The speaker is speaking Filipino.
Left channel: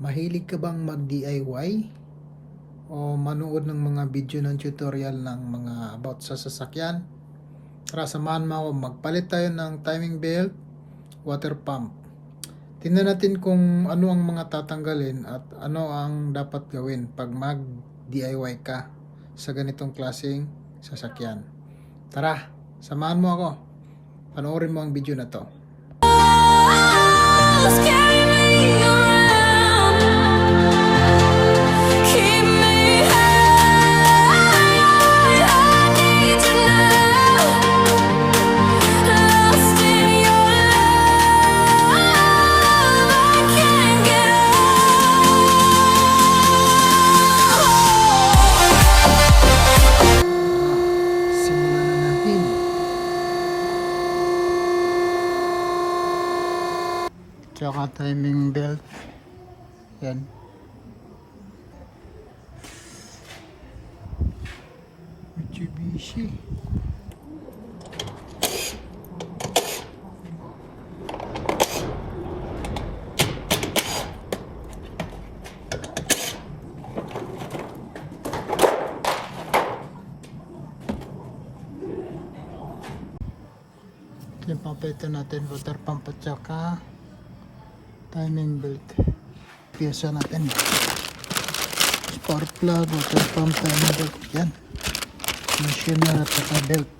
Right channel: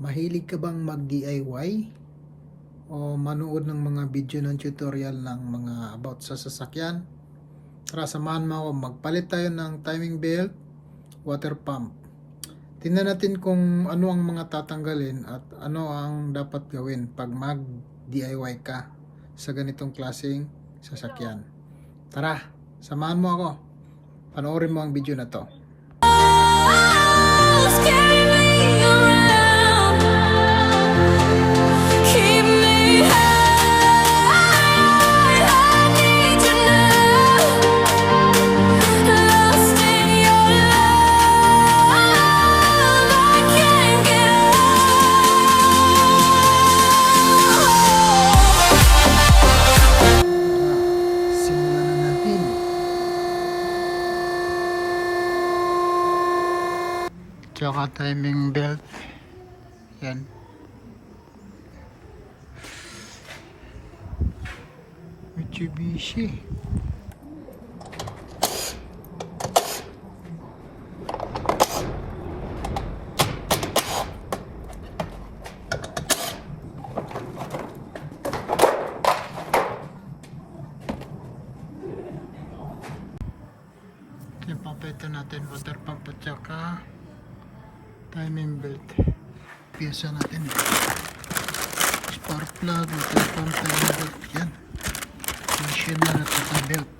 Mahilig ka bang mag-DIY o manood ng mga video ng tutorial ng mga about sa sasakyan? Tara, samahan mo ako. Magpalit tayo ng timing belt, water pump. Tingnan natin kung ano ang mga tatanggalin at ano ang dapat gawin pag mag-DIY ka sa ganitong klaseng sasakyan. Tara, samahan mo ako. Panoorin mo ang video na to. Tsaka timing belt. Yan. Mitsubishi. Yung papalitan natin water pump at tsaka timing belt. Piyesa natin. Spark plug, water pump, timing belt. Yan. Machine na at belt.